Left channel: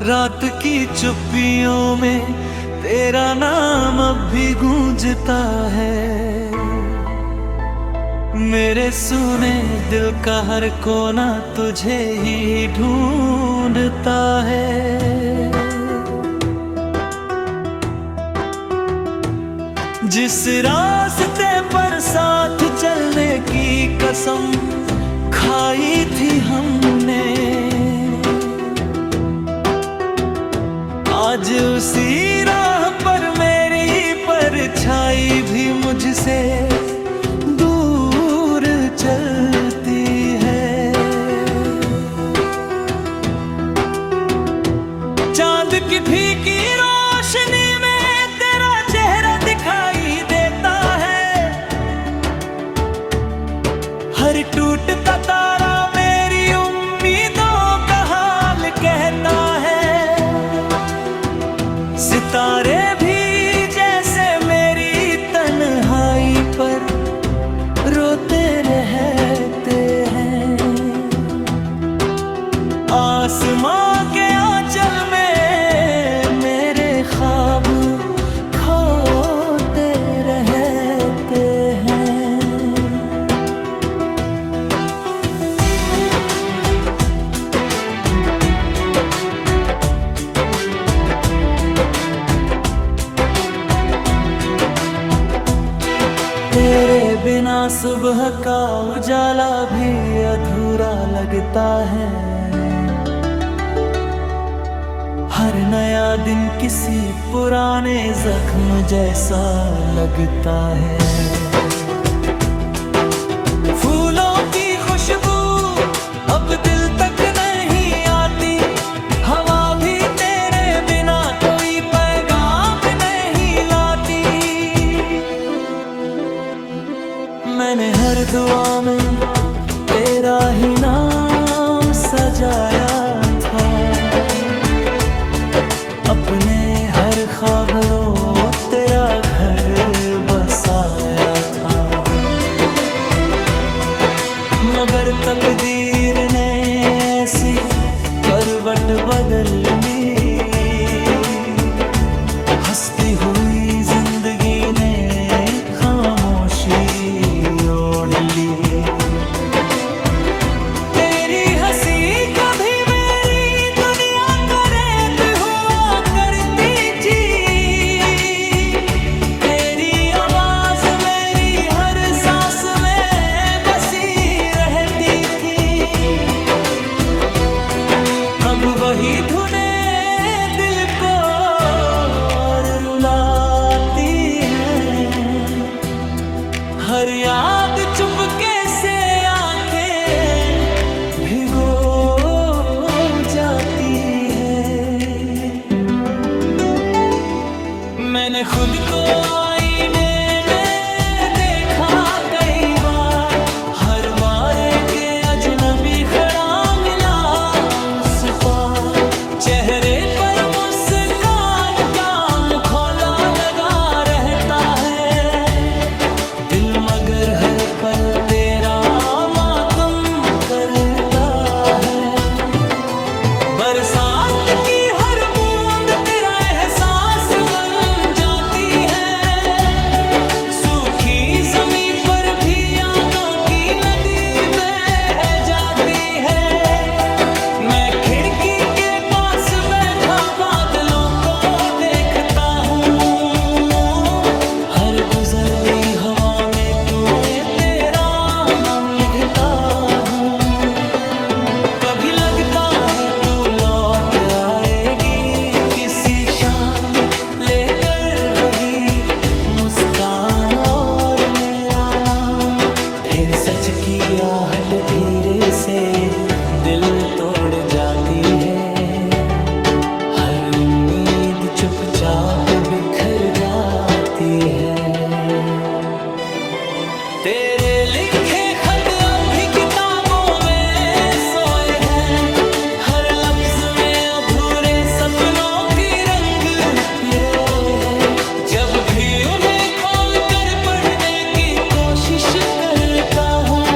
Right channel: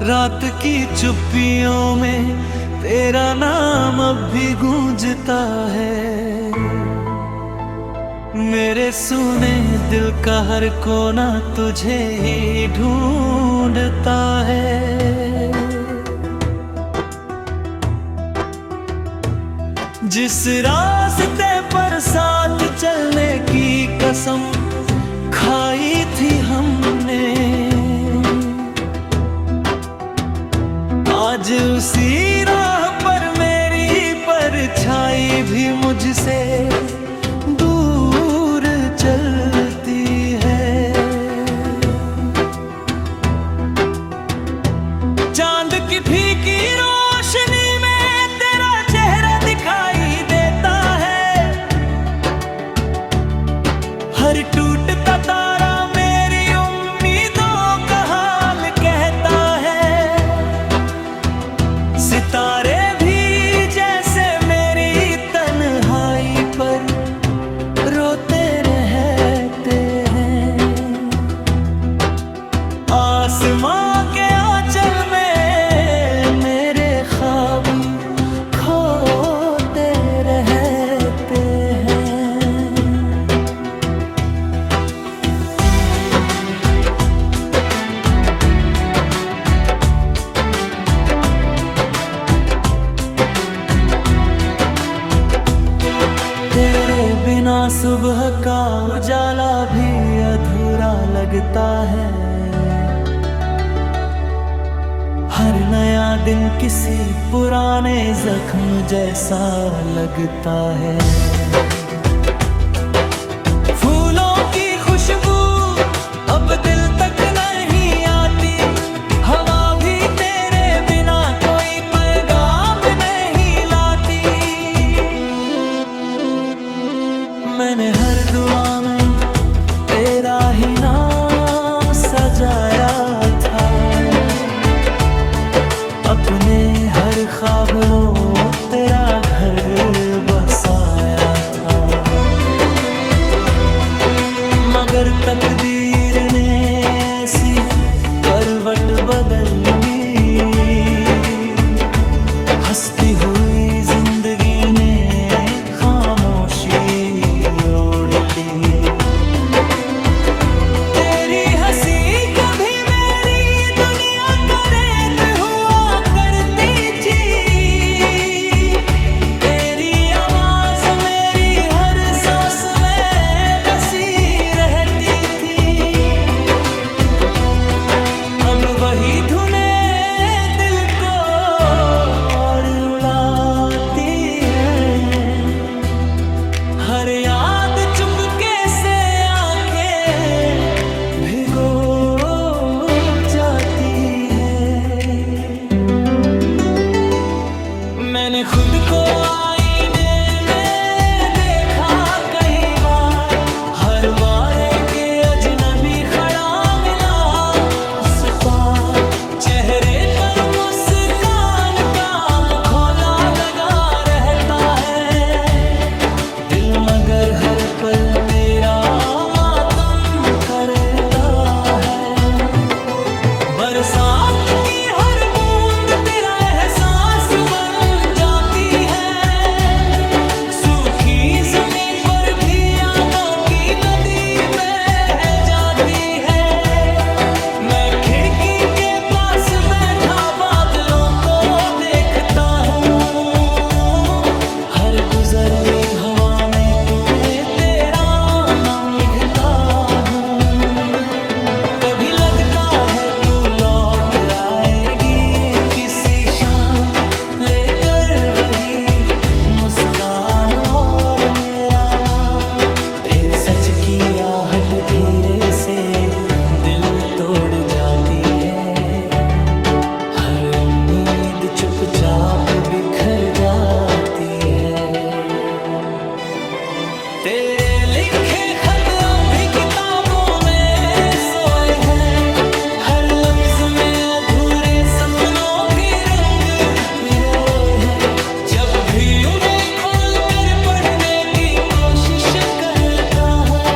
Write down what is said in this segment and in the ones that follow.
रात की चुप्पियों में तेरा नाम अब भी गूंजता है। मेरे सुने दिल का हर कोना तुझे ही ढूंढता है। जिस रास्ते पर साथ चलने की कसम खाई थी हमने, आज उसी राह पर मेरी परछाई भी मुझसे दूर चलती है। चांद की फीकी रोशनी में तेरा चेहरा दिखाई देता है। हर टूटता तारा मेरी उम्मीदों का हाल कहता है। सितारे भी जैसे मेरी तन्हाई पर रोते रहते हैं। आसमां के आंचल में मेरे ख्वाब खोते रहते हैं। तेरे बिना सुबह का उजाला भी अधूरा लगता है। हर नया दिन किसी पुराने जख्म जैसा लगता है। फूलों की खुशबू अब दिल तक नहीं आती। हवा भी तेरे बिना कोई पैगाम नहीं लाती। मैंने हर दुआ में तेरा ही नाम सजाया था। अपने हर ख्वाब रो तेरा घर बसाया था। मगर तकदीर ने ऐसी करवट बदल ली। हंसती हुई जिंदगी ने खामोशी ओढ़ ली। तेरी हंसी कभी मेरी दुनिया का रेत हुआ करती थी। तेरी आवाज मेरी हर सांस में बसी रहती थी। अब वही धुनें दिल को और रुलाती हैं। हर याद चुपके से आंखें भिगो जाती है। मैंने खुद को आईने में देखा कई बार। हर बार एक अजनबी खड़ा मिला उस पार। चेहरे पर मुस्कान का मुखौला लगा रहता है। दिल मगर हर पल तेरा मातम करता है। बरसात की हर बूंद तेरा एहसास बन जाती है। सूखी जमीन पर भी यादों की नदी बह जाती है। मैं खिड़की के पास बैठा बादलों को देखता हूँ। हर गुजरती हवा में तुम्हें तेरा नाम लिखता हूँ। कभी लगता है तू लौट आएगी किसी शाम, लेकर वही मुस्कान और मेरा नाम। फिर सच की आहट धीरे से दिल तोड़ जाती है। हर उम्मीद चुपचाप बिखर जाती है। तेरे लिखे खत अब भी किताबों में सोए हैं। हर लफ्ज में अधूरे सपनों की रंग पिरोए हैं। जब भी उन्हें खोल कर पढ़ने की कोशिश करता हूँ,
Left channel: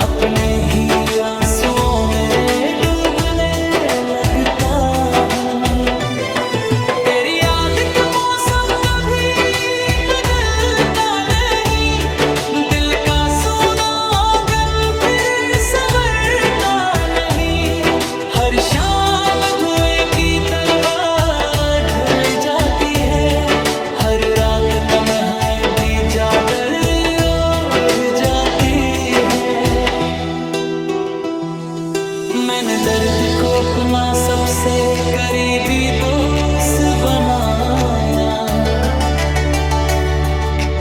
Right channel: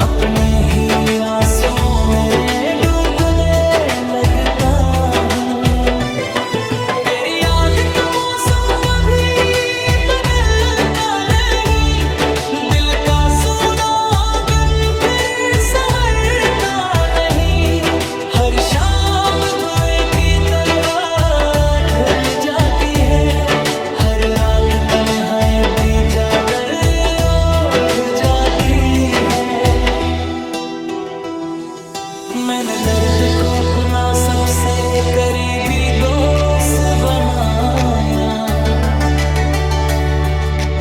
अपने ही आंसुओं में डूबने लग रात तन्हाई की चादर ओढ़ जाती है। मैंने दर्द को अपना सबसे करीबी दोस्त बनाया,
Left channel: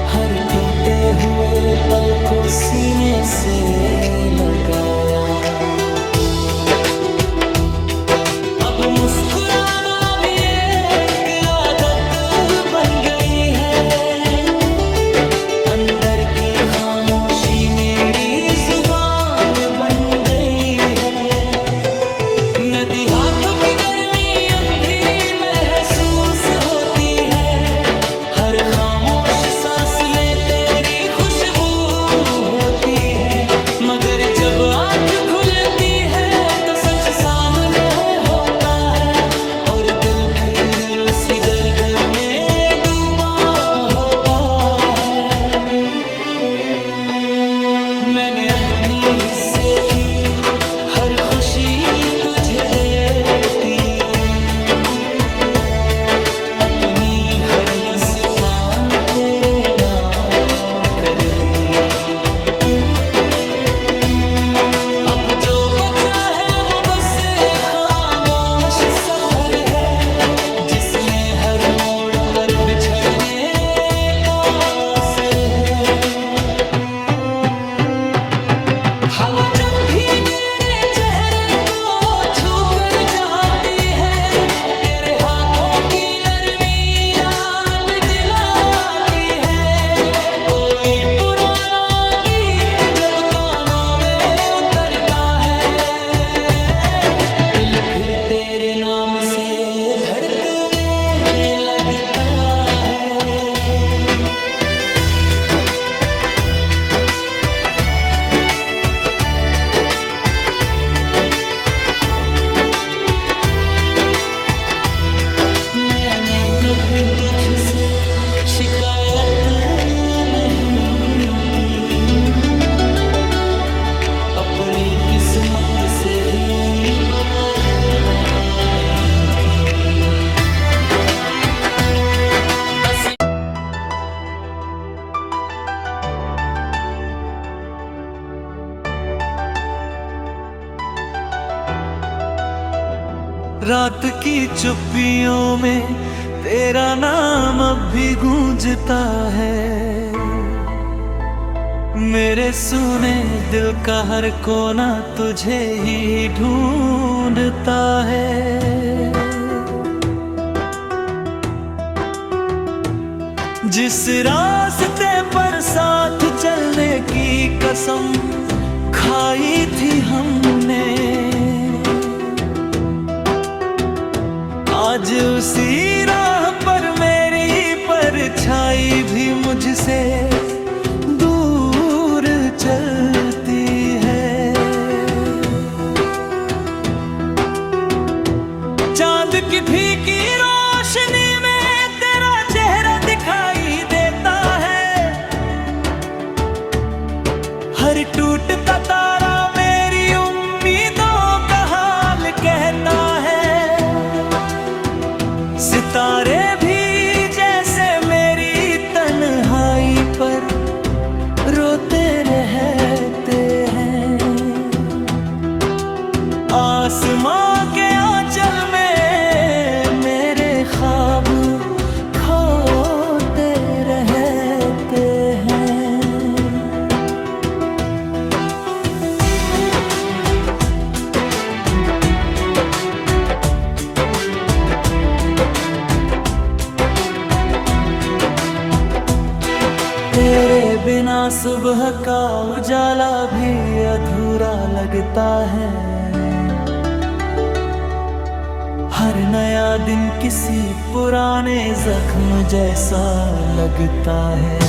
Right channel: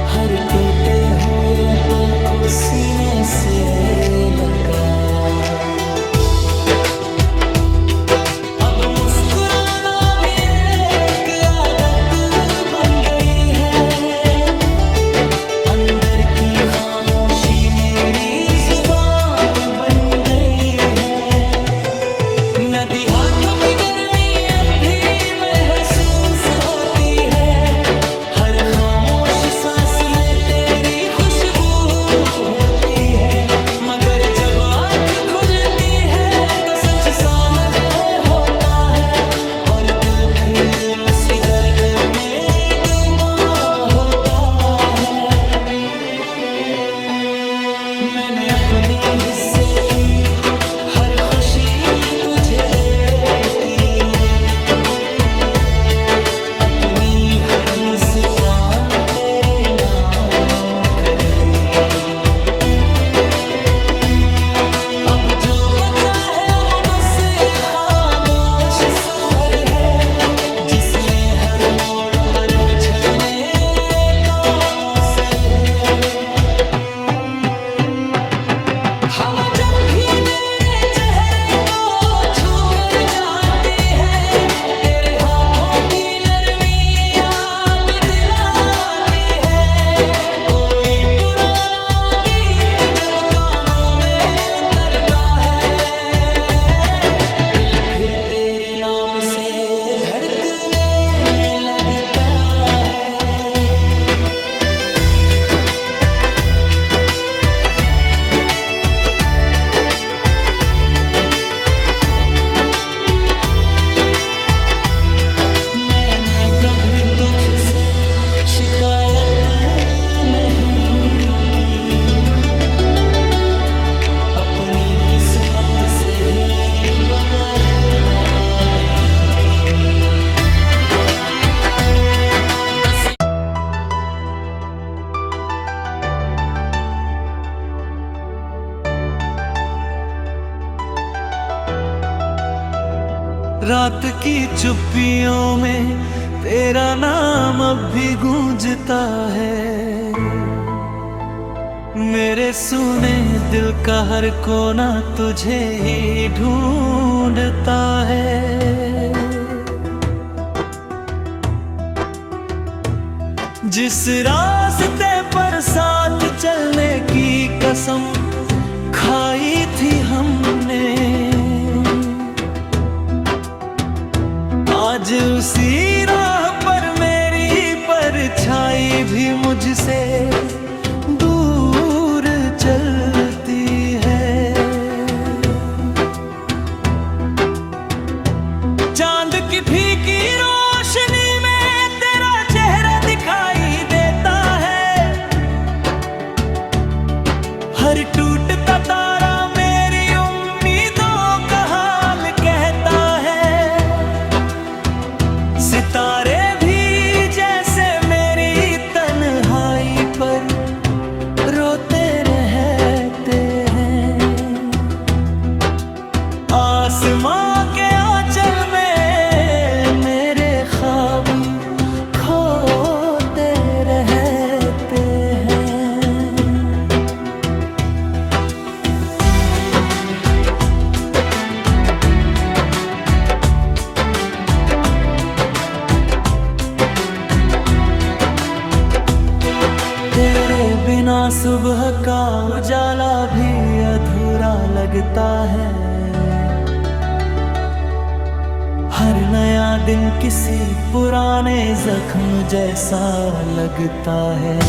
हर टूटे हुए पल को सीने से लगाया। अब मुस्कुराना भी एक आदत बन गई है, अंदर की खामोशी मेरी जुबान बन गई है। नदी हाथों की गर्मी अब भी महसूस होती है, हर खामोश सांस में तेरी खुशबू होती है। मगर जब आँख खुलती है तो सच सामने होता है, और दिल फिर उसी दर्द में डूबा होता है। मैंने अपने हिस्से की हर खुशी तुझे देती, अपनी हर मुस्कान तेरे नाम कर दी। अब जो बचा है वो बस खामोश सफर है, जिसमें हर मोड़ पर बिछड़ने का असर है। हवा जब भी मेरे चेहरे को छू कर जाती है, तेरे हाथों की नरमी याद दिलाती है। कोई पुराना गीत जब कानों में उतरता है, दिल फिर तेरे नाम से धड़कने लगता है। मैंने कभी तुझसे शिकायत नहीं की, अपनी किस्मत से ही बदलता नहीं थी। बस रात की चुप्पियों में तेरा नाम अब भी गूंजता है, मेरे सुने दिल का हर कोना तुझे ही ढूंढता है। जिस रास्ते पर साथ चलने की कसम खाई थी हमने, आज उसी राह पर मेरी परछाई भी मुझसे दूर चलती है। चांद की फीकी रोशनी में तेरा चेहरा दिखाई देता है, हर टूटता तारा मेरी उम्मीदों का हाल कहता है। सितारे भी जैसे मेरी तन्हाई पर रोते रहते हैं, आसमां के आंचल में मेरे ख्वाब खोते रहते हैं। तेरे बिना सुबह का उजाला भी अधूरा लगता है, हर नया दिन किसी पुराने जख्म जैसा लगता है।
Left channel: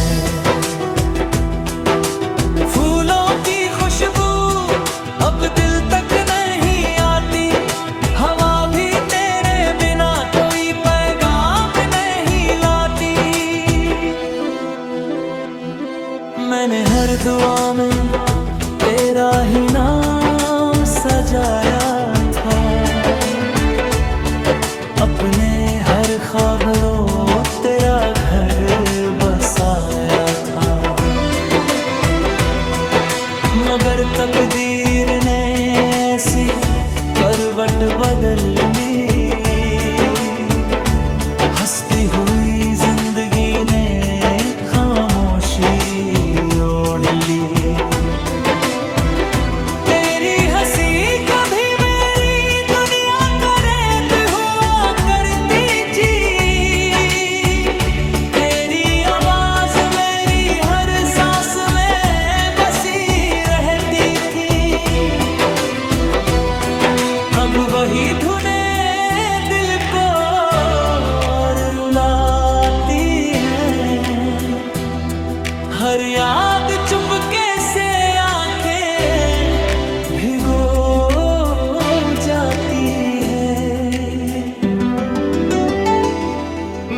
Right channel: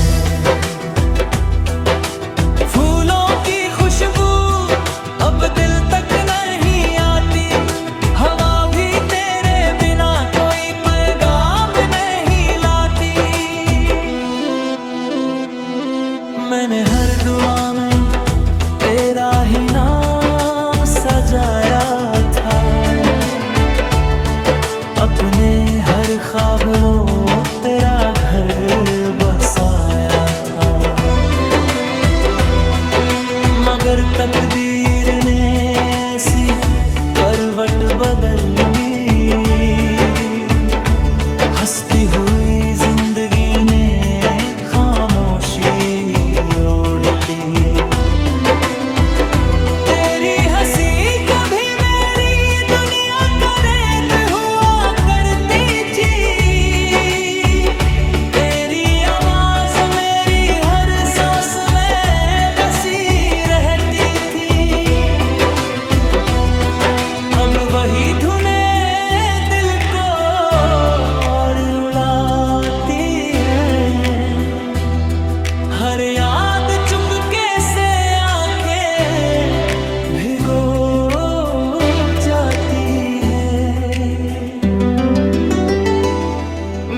फूलों की खुशबू अब दिल तक नहीं आती, हवा भी तेरे बिना कोई पैगाम नहीं लाती। मैंने हर दुआ में तेरा ही सजाया था, अपने हर हर ख्वाब रो तेरा घर बसाया था, मगर तकदीर ने ऐसी करवट बदल ली। हंसती हुई जिंदगी ने खामोशी ओढ़ ली। तेरी हंसी कभी मेरी दुनिया का रेत हुआ करती थी, तेरी आवाज मेरी हर सांस में बसी रहती थी। अब वही धुनें दिल को और रुलाती हैं, हर याद चुपके से आंखें भिगो जाती है।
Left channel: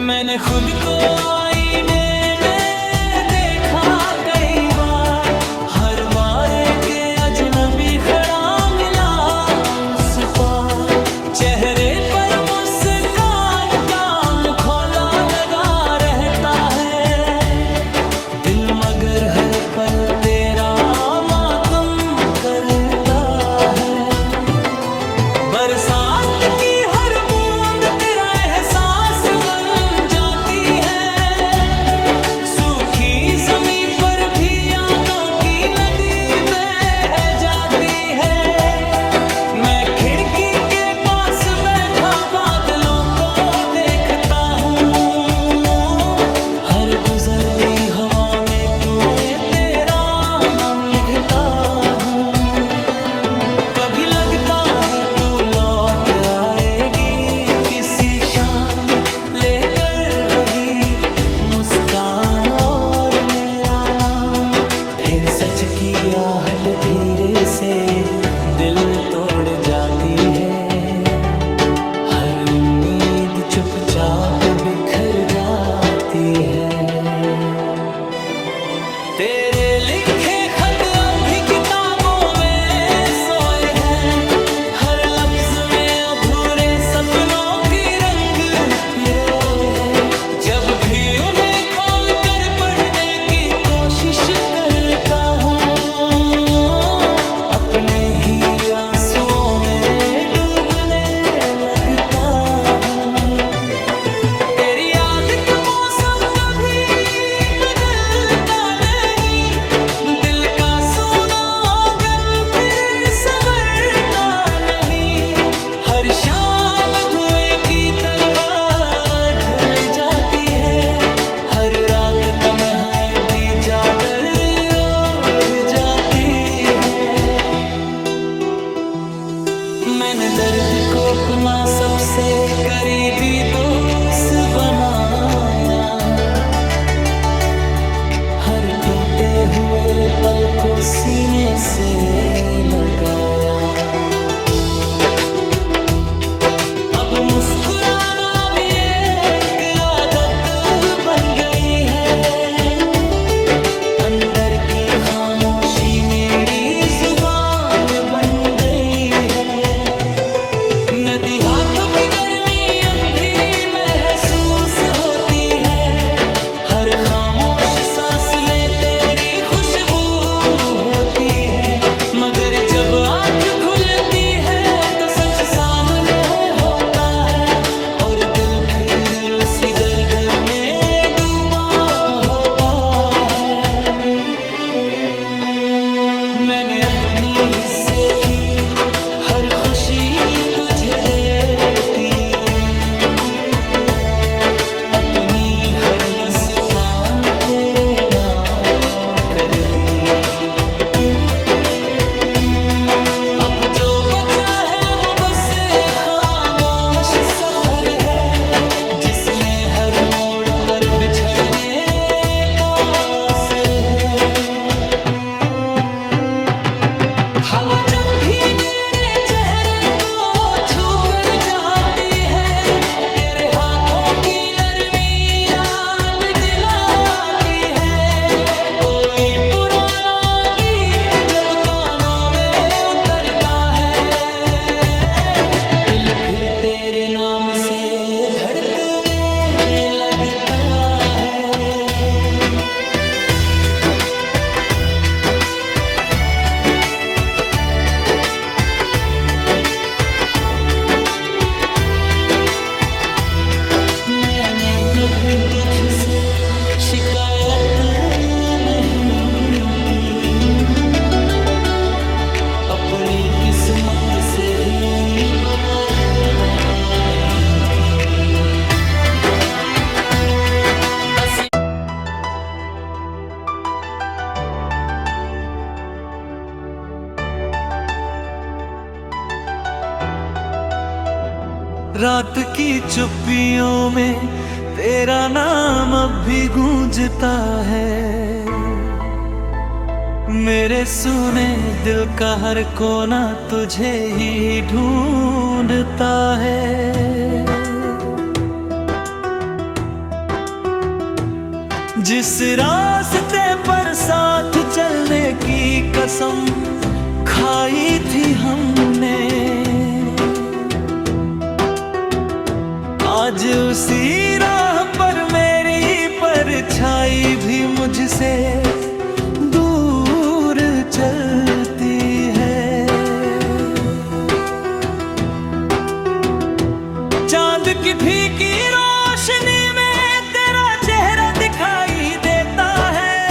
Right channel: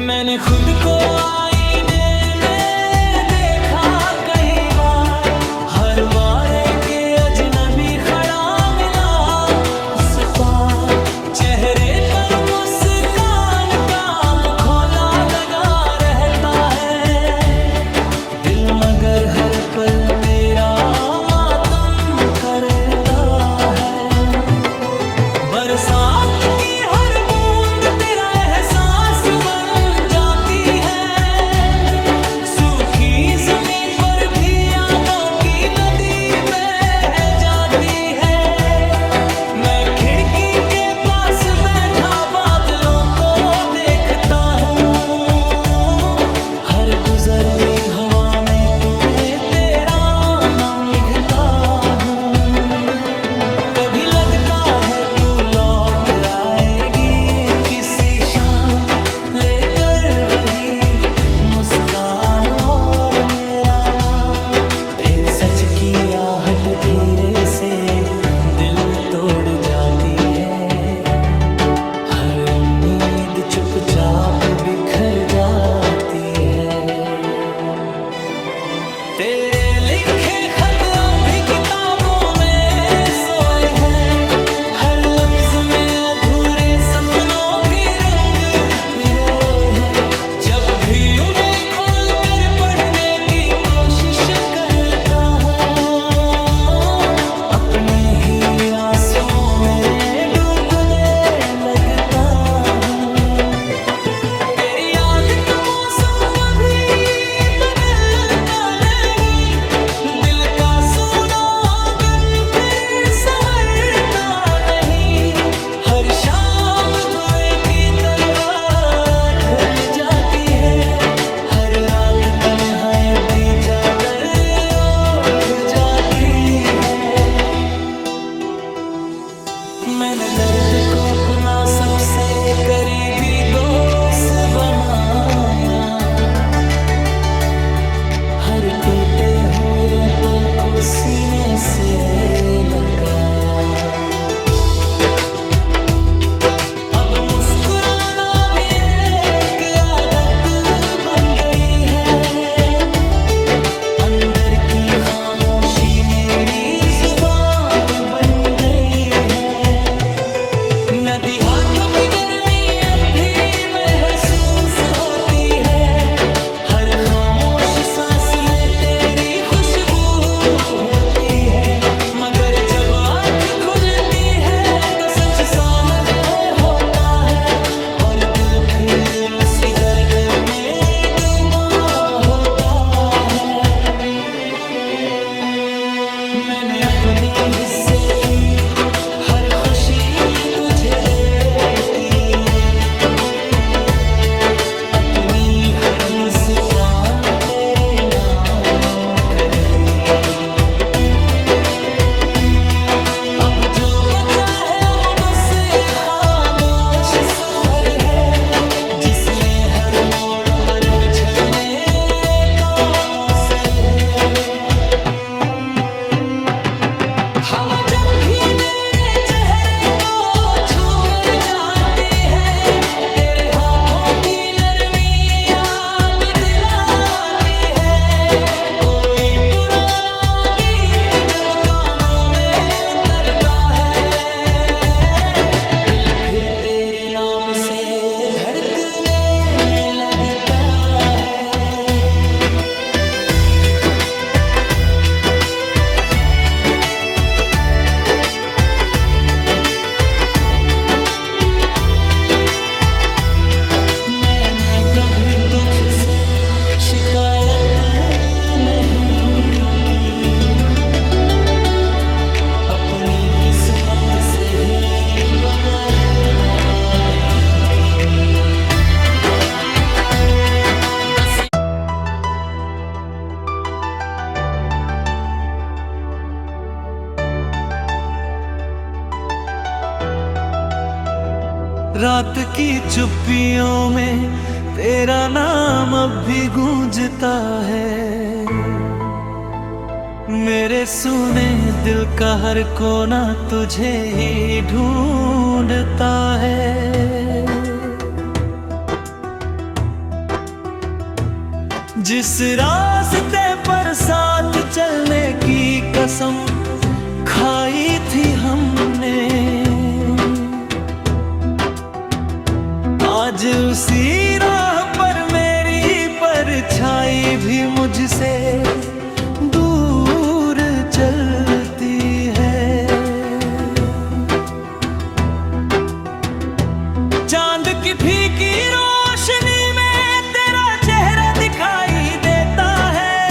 मैंने खुद को आईने में देखा कई बार, हर बार एक अजनबी खड़ा मिला उस पार। चेहरे पर मुस्कान का मुखौला लगा रहता है, दिल मगर हर पल तेरा मातम करता है। बरसात की हर बूंद तेरा एहसास बन जाती है, सूखी जमीन पर भी यादों की नदी बह जाती है। मैं खिड़की के पास बैठा बादलों को देखता हूँ, हर गुजरती हवा में तुम्हें तेरा नाम लिखता हूँ। कभी लगता है तू लौट आएगी किसी शाम, लेकर वही मुस्कान और मेरा नाम। फिर सच की आहट धीरे से दिल तोड़ जाती है, हर उम्मीद चुपचाप बिखर जाती है। तेरे लिखे खत अब भी किताबों में सोए हैं, हर लफ्ज में अधूरे सपनों के रंग पिरोए हैं। जब भी उन्हें खोल कर पढ़ने की कोशिश करता हूँ, अपने ही आंसुओं में डूबने लगता हूँ। तेरी याद का मौसम कभी बदलता नहीं, दिल का सूना आंगन फिर संवरता नहीं। हर शाम धुएं की तरह ढल जाती है, हर रात तन्हाई की चादर ओढ़ जाती है। मैंने दर्द को अपना सबसे करीबी दोस्त बनाया, हर टूटे हुए पल को सीने से लगाया। अब मुस्कुराना भी एक आदत बन गई है, अंदर की खामोशी मेरी जुबान बन गई है। नदी हाथों की गर्मी अब भी महसूस होती है, हर खामोश सांस में तेरी खुशबू होती है। मगर जब आँख खुलती है तो सच सामने होता है, और दिल फिर उसी दर्द में डूबा होता है। मैंने अपने हिस्से की हर खुशी तुझे देती, अपनी हर मुस्कान तेरे नाम कर दी। अब जो बचा है वो बस खामोश सफर है, जिसमें हर मोड़ पर बिछड़ने का असर है। हवा जब भी मेरे चेहरे को छू कर जाती है, तेरे हाथों की नरमी याद दिलाती है। कोई पुराना गीत जब कानों में उतरता है, दिल फिर तेरे नाम से धड़कने कभी तुझसे शिकायत नहीं की, अपनी किस्मत से ही बदलता नहीं थी। बस रात की चुप्पियों में तेरा नाम अब भी गूंजता है, मेरे सुने दिल का हर कोना तुझे ही ढूंढता है। जिस रास्ते पर साथ चलने की कसम खाई थी हमने, आज उसी राह पर मेरी परछाई भी मुझसे दूर चलती है। चांद की फीकी रोशनी में तेरा चेहरा दिखाई देता है,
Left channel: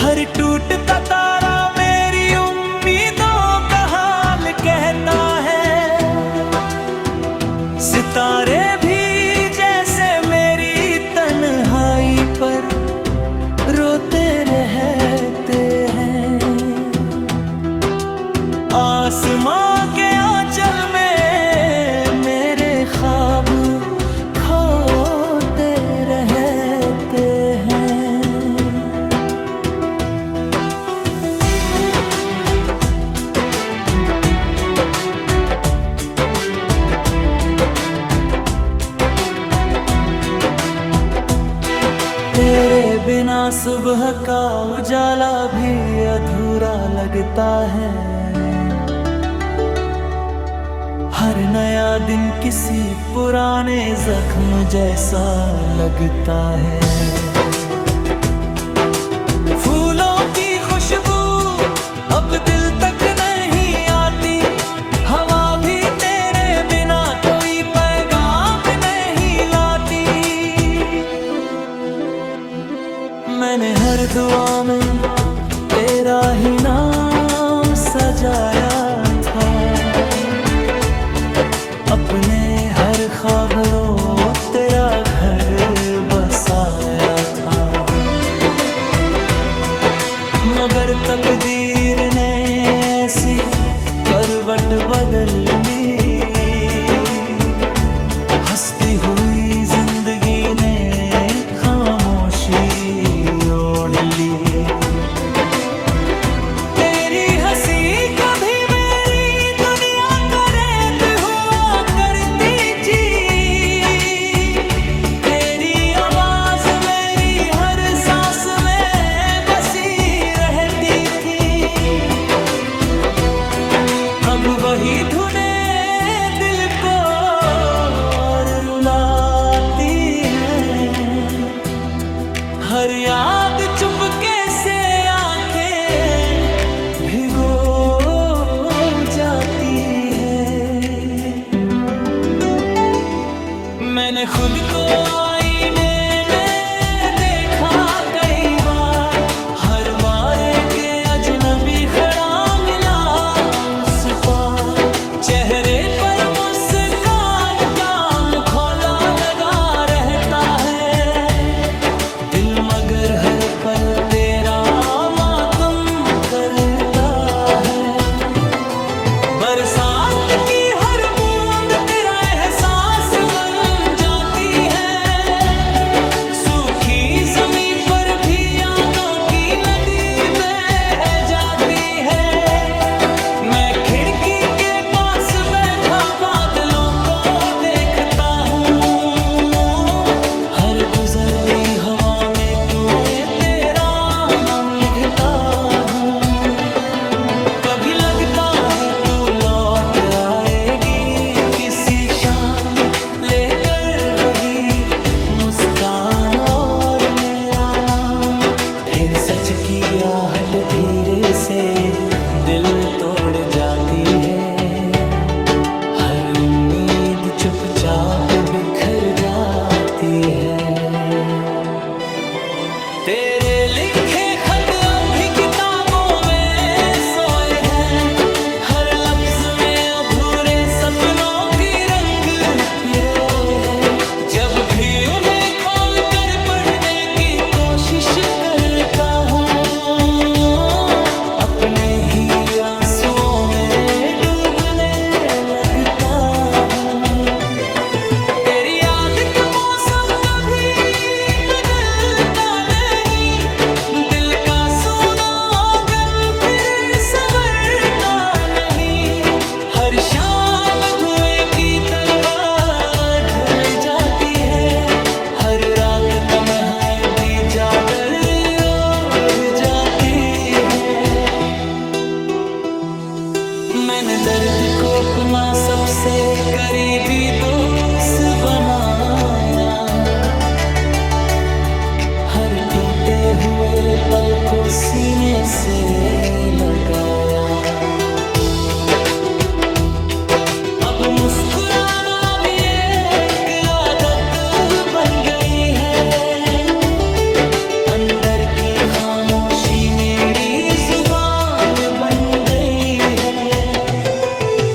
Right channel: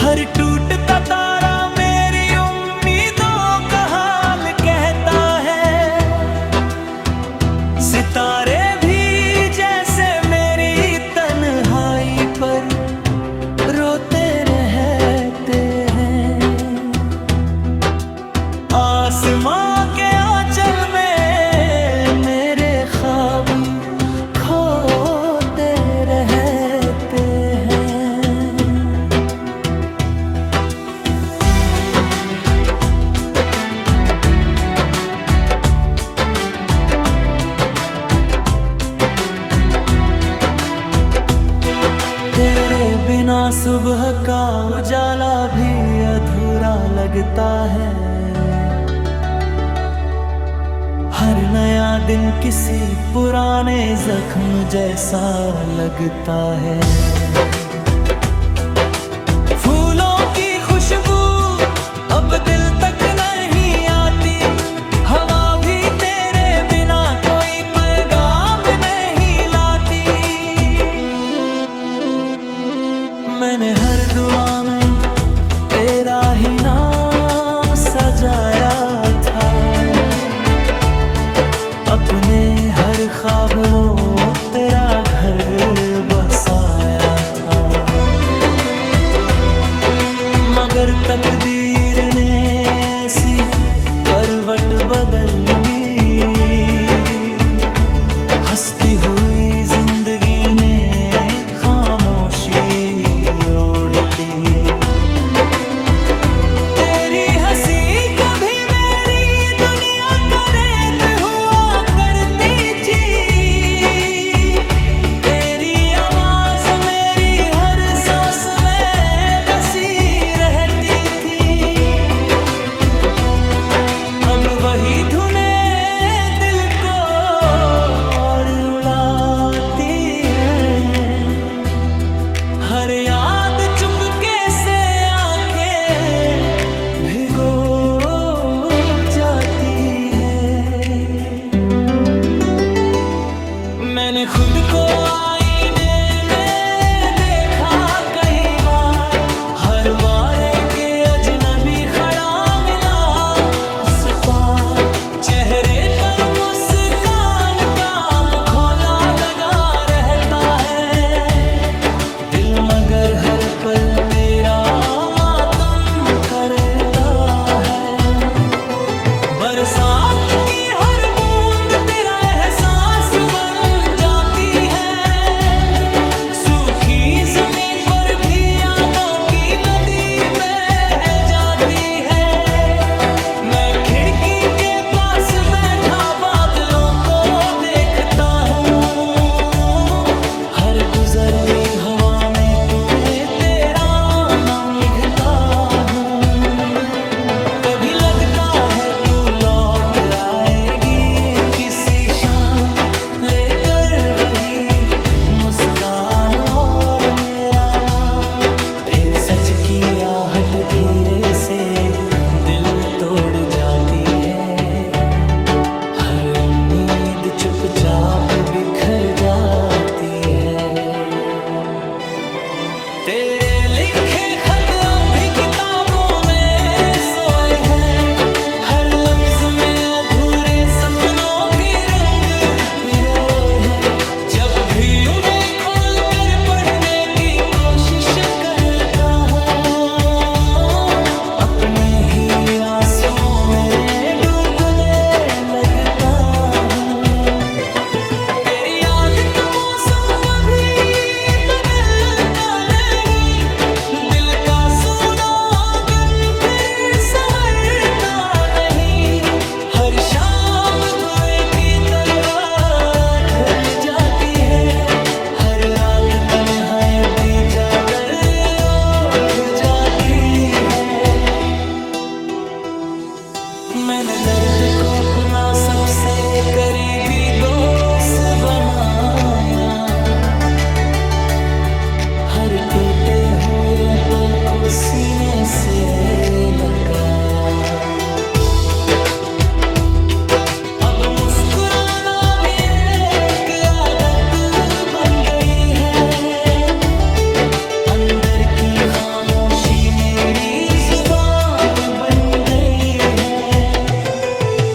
हर टूटता तारा मेरी उम्मीदों का हाल कहता है। सितारे भी जैसे मेरी तन्हाई पर रोते रहते हैं, आसमां के आंचल में मेरे ख्वाब खोते रहते हैं। तेरे बिना सुबह का उजाला भी अधूरा लगता है, हर नया दिन किसी पुराने जख्म जैसा लगता है। फूलों की खुशबू अब दिल तक नहीं आती, हवा भी तेरे बिना कोई पैगाम नहीं लाती। मैंने हर दुआ में तेरा ही नाम सजाया था, अपने हर ख्वाब रो तेरा घर बसाया था। मगर तकदीर ने ऐसी करवट बदल ली, हंसती हुई जिंदगी ने खामोशी ओढ़ ली। तेरी हंसी कभी मेरी दुनिया का रेत हुआ करती थी, तेरी आवाज मेरी हर सांस में बसी रहती थी। अब वही धुनें दिल को और रुलाती हैं, हर याद चुपके से आंखें भिगो जाती है। मैंने खुद को आईने में देखा कई बार, हर बार एक अजनबी खड़ा मिला उस पार। चेहरे पर मुस्कान का मुखौला लगा रहता है, दिल मगर हर पल तेरा मातम करता है। बरसात की हर बूंद तेरा एहसास बन जाती है, सूखी जमीन पर भी यादों की नदी बह जाती है। मैं खिड़की के पास बैठा बादलों को देखता हूँ, हर गुजरती हवा में तुम्हें तेरा नाम लिखता हूँ। कभी लगता है तू लौट आएगी किसी शाम, लेकर वही मुस्कान और मेरा नाम। फिर सच की आहट धीरे से दिल तोड़ जाती है, हर उम्मीद उम्मीद चुपचाप बिखर जाती है। तेरे लिखे खत अब भी किताबों में सोए हैं, हर लफ्ज में अधूरे सपनों के रंग पिरोए हैं। जब भी उन्हें खोल कर पढ़ने की कोशिश करता हूँ, अपने ही आंसुओं में डूबने लगता हूँ। तेरी याद का मौसम कभी बदलता नहीं, दिल का सूना आंगन फिर संवरता नहीं। हर शाम धुएं की तरह ढल जाती है, हर रात तन्हाई की चादर ओढ़ जाती है। मैंने दर्द को अपना सबसे करीबी दोस्त बनाया, हर टूटे हुए पल को सीने से लगाया। अब मुस्कुराना भी एक आदत बन गई है, अंदर की खामोशी मेरी जुबान बन गई है।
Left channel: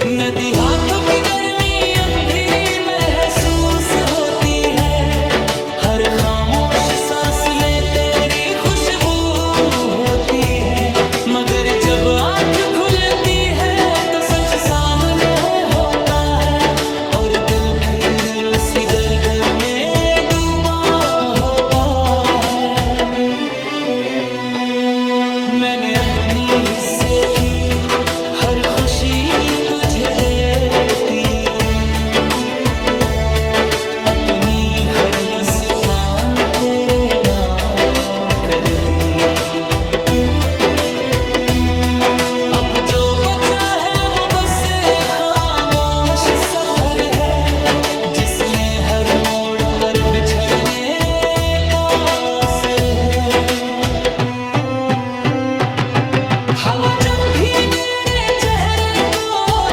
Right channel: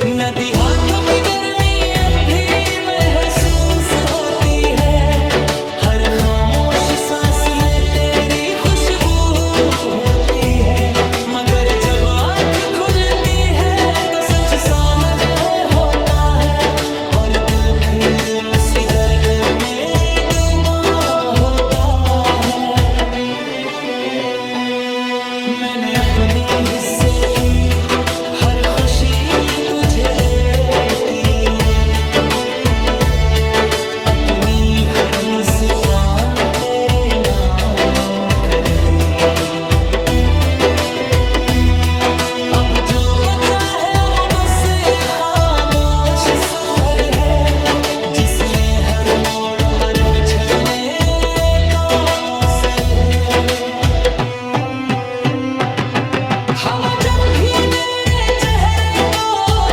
नदी हाथों की गर्मी अब भी महसूस होती है, हर खामोश सांस में तेरी खुशबू होती है। मगर जब आँख खुलती है तो सच सामने होता है, और दिल फिर उसी दर्द में डूबा होता है। मैंने अपने हिस्से की हर खुशी तुझे देती, अपनी हर मुस्कान तेरे नाम कर दी। अब जो बचा है वो बस खामोश सफर है, जिसमें हर मोड़ पर बिछड़ने का असर है। हवा जब भी मेरे चेहरे को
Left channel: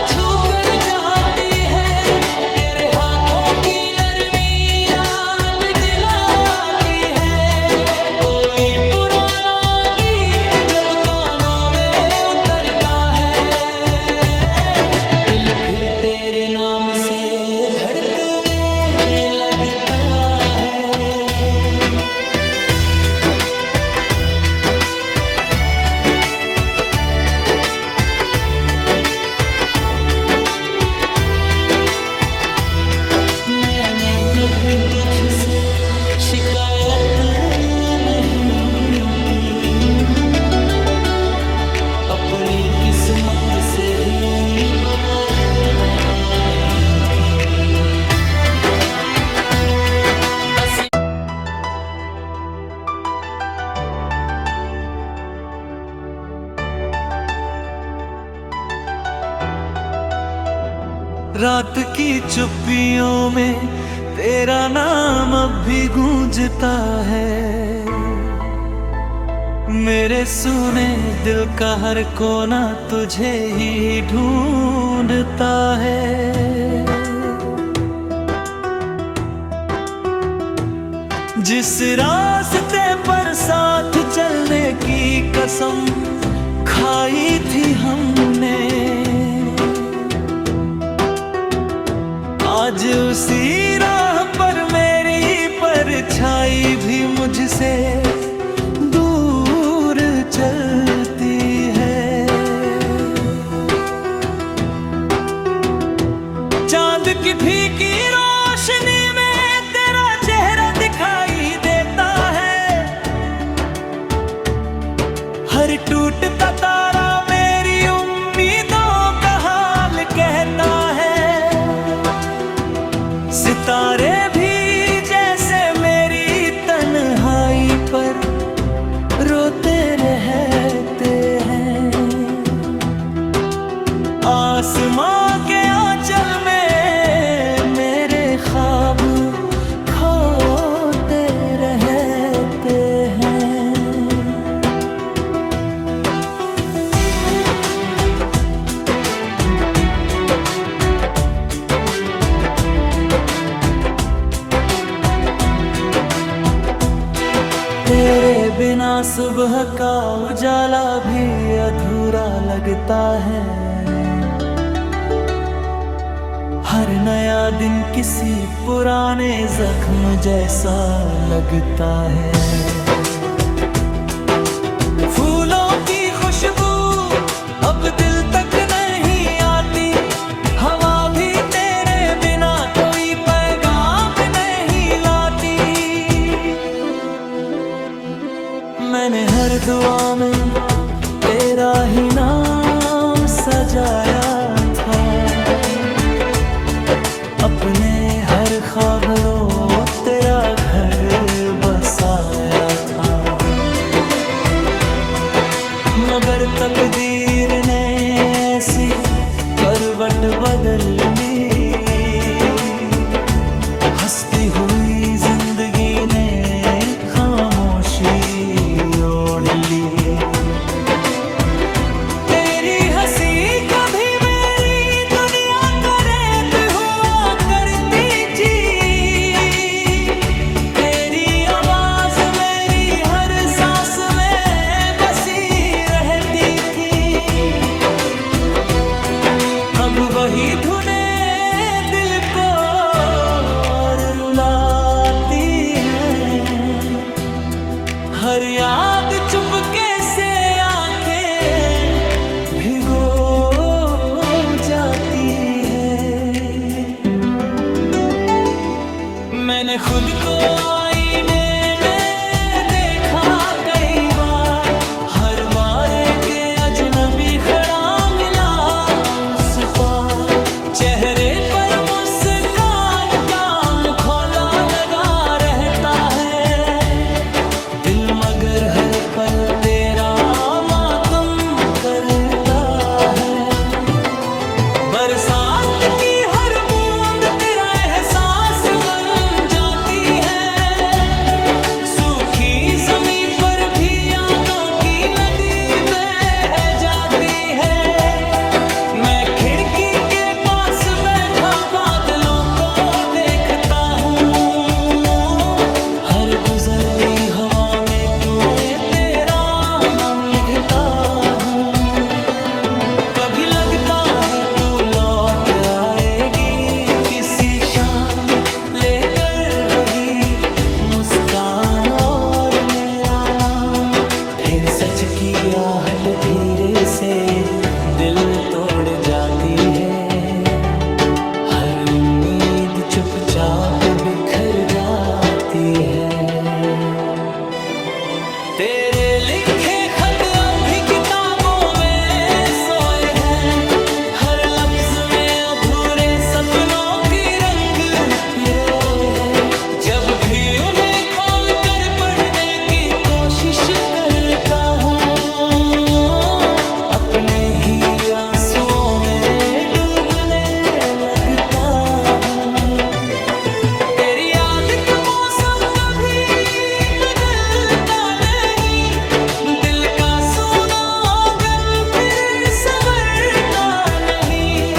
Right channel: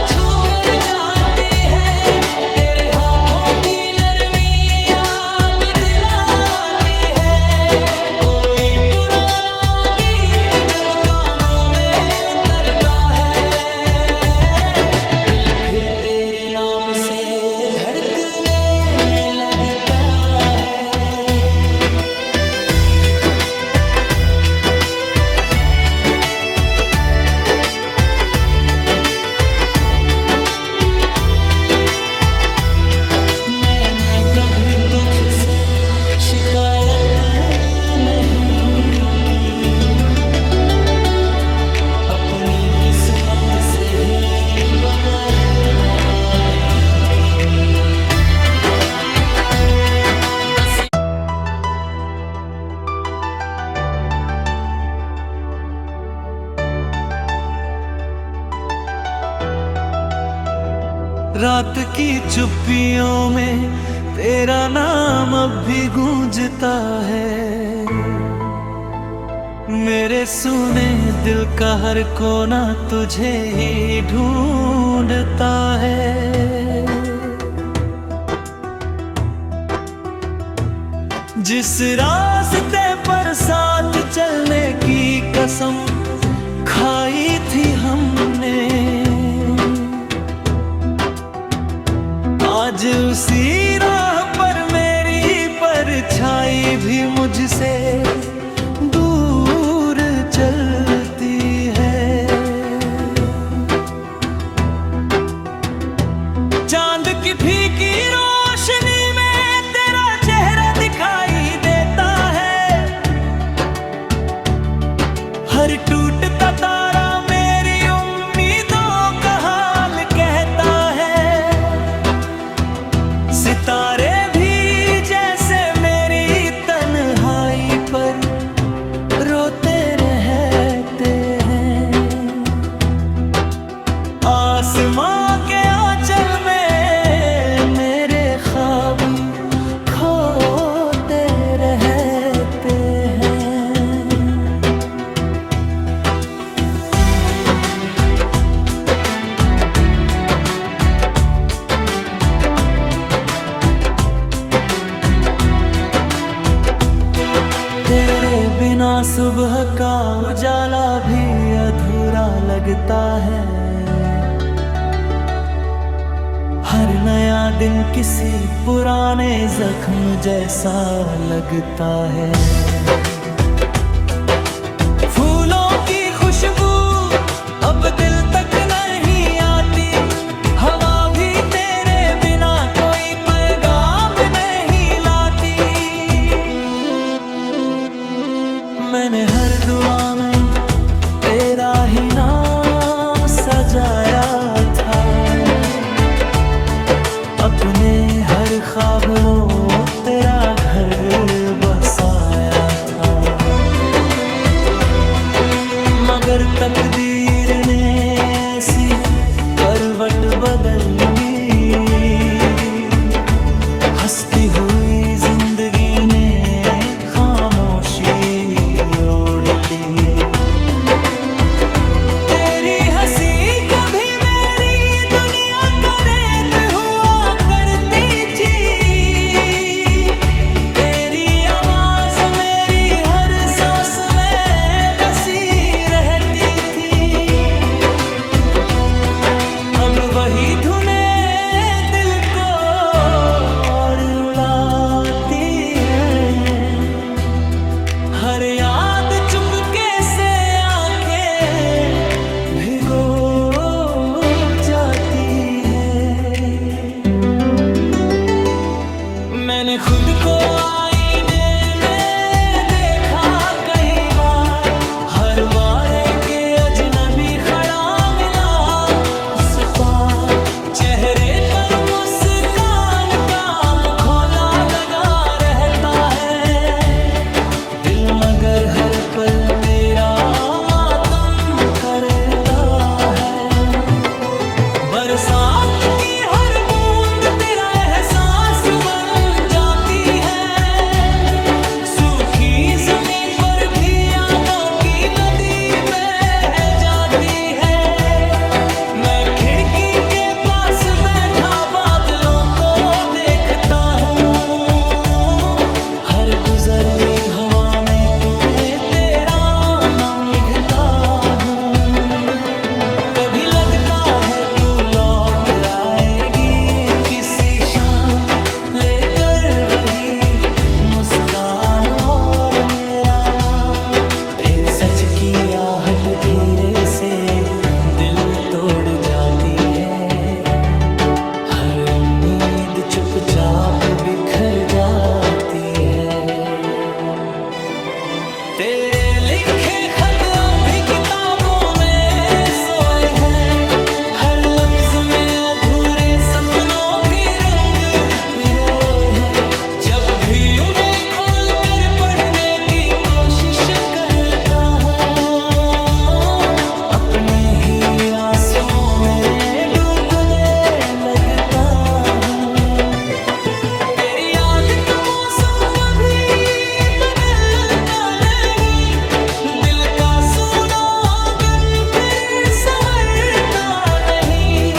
छू कर जाती है, तेरे हाथों की नरमी याद दिलाती है। कोई पुराना गीत जब कानों में उतरता है, दिल फिर तेरे नाम से धड़कने लगता है। मैंने कभी तुझसे शिकायत नहीं की, अपनी किस्मत से ही बदलता नहीं थी। बस रात की चुप्पियों में तेरा नाम अब भी गूंजता है, मेरे सुने दिल का हर कोना तुझे ही ढूंढता है। जिस रास्ते पर साथ चलने की कसम खाई थी हमने, आज उसी राह पर मेरी परछाई भी मुझसे दूर चलती है। चांद की फीकी रोशनी में तेरा चेहरा दिखाई देता है, हर टूटता तारा मेरी उम्मीदों का हाल कहता है। सितारे भी जैसे मेरी तन्हाई पर तेरे बिना सुबह का उजाला भी अधूरा लगता है। हर नया दिन किसी पुराने जख्म जैसा लगता है। फूलों की खुशबू अब दिल तक नहीं आती, हवा भी तेरे बिना कोई पैगाम नहीं लाती। मैंने हर दुआ में तेरा ही नाम सजाया था, अपने हर ख्वाब रो तेरा घर बसाया था। मगर तकदीर ने ऐसी करवट बदल ली, हंसती हुई जिंदगी ने खामोशी ओढ़ ली। तेरी हंसी कभी मेरी दुनिया का रेत हुआ करती थी, तेरी आवाज मेरी हर सांस में बसी रहती थी। अब वही धुनें दिल को और रुलाती हैं, हर याद चुपके से आंखें भिगो जाती है। मैंने खुद को आईने में देखा कई बार, हर बार एक अजनबी खड़ा मिला उस पार। चेहरे पर मुस्कान का मुखौला लगा रहता है, दिल मगर हर पल तेरा मातम करता है। बरसात की हर बूंद तेरा एहसास बन जाती है, सूखी जमीन पर भी यादों की नदी बह जाती है। मैं खिड़की के पास बैठा बादलों को देखता हूँ, हर गुजरती हवा में तुम्हें तेरा नाम लिखता हूँ। कभी लगता है तू लौट आएगी किसी शाम, लेकर वही मुस्कान और मेरा नाम। फिर सच की आहट धीरे से दिल तोड़ जाती है, हर उम्मीद चुपचाप बिखर जाती है। तेरे लिखे खत अब भी किताबों में सोए हैं, हर लफ्ज में अधूरे सपनों के रंग पिरोए हैं। जब भी उन्हें खोल कर पढ़ने की कोशिश करता हूँ, अपने ही आंसुओं में डूबने लगता हूँ। तेरी याद का मौसम कभी बदलता नहीं, दिल का सूना आंगन फिर संवरता नहीं।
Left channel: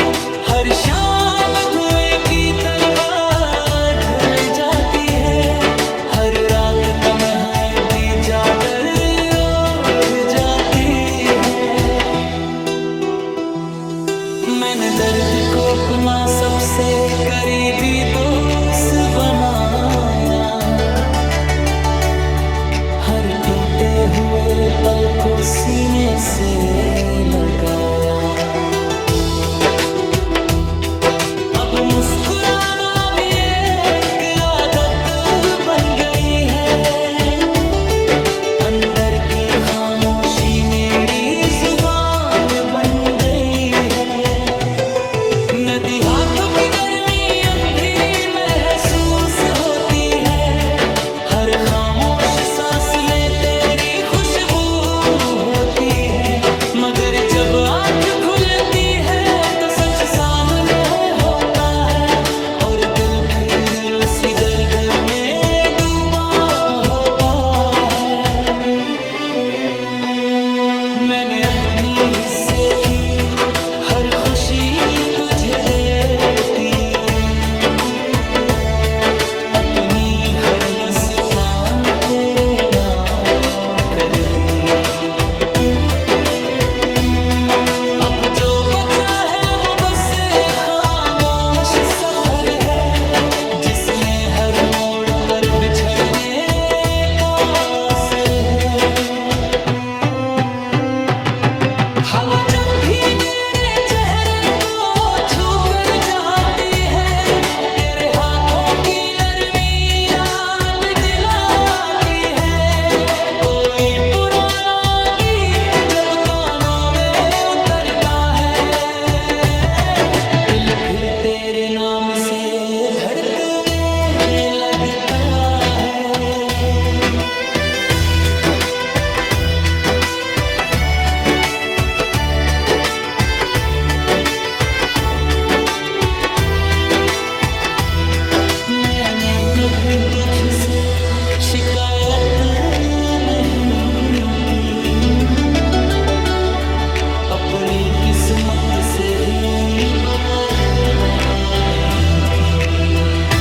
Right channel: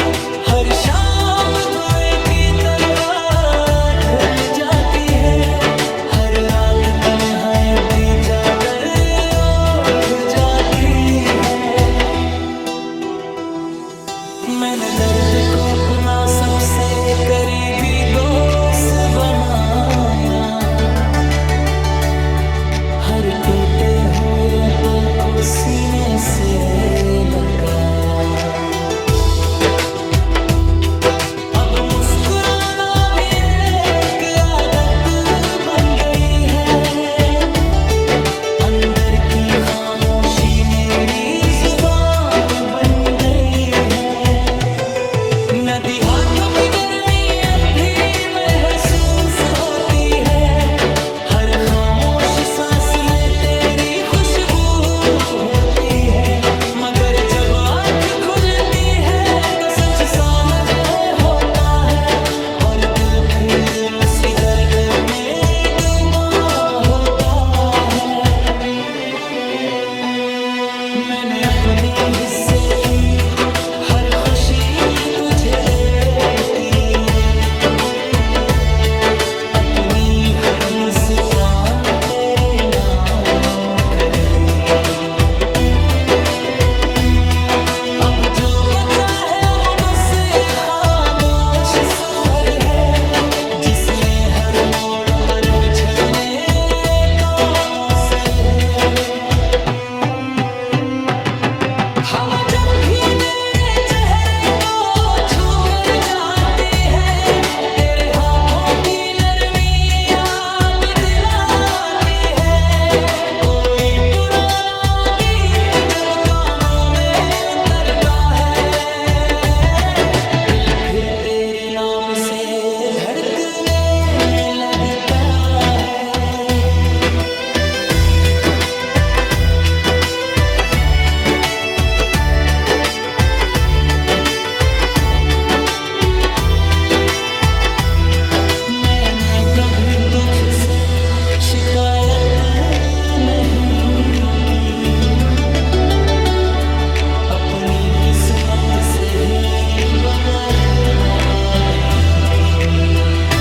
हर शाम धुएं की तरह ढल जाती है, हर रात तन्हाई की चादर ओढ़ जाती है। मैंने दर्द को अपना सबसे करीबी दोस्त बनाया, हर टूटे हुए पल को सीने से लगाया। अब मुस्कुराना भी एक आदत बन गई है, अंदर की खामोशी मेरी जुबान बन गई है। नदी हाथों की गर्मी अब भी महसूस होती है, हर खामोश सांस में तेरी खुशबू होती है। मगर जब आँख खुलती है तो सच सामने होता है, और दिल फिर उसी दर्द में डूबा होता है। मैंने अपने हिस्से की हर खुशी तुझे देती, अपनी हर मुस्कान तेरे नाम जो बचा है वो बस एक खामोश सफर है, जिसमें हर मोड़ पर बिछड़ने का असर है। हवा जब भी मेरे चेहरे को छू कर जाती है, तेरे हाथों की नरमी याद दिलाती है। कोई पुराना गीत जब कानों में उतरता है, दिल फिर तेरे नाम से धड़कने लगता है। मैंने कभी तुझसे शिकायत नहीं की, अपनी किस्मत से ही बदलता नहीं की।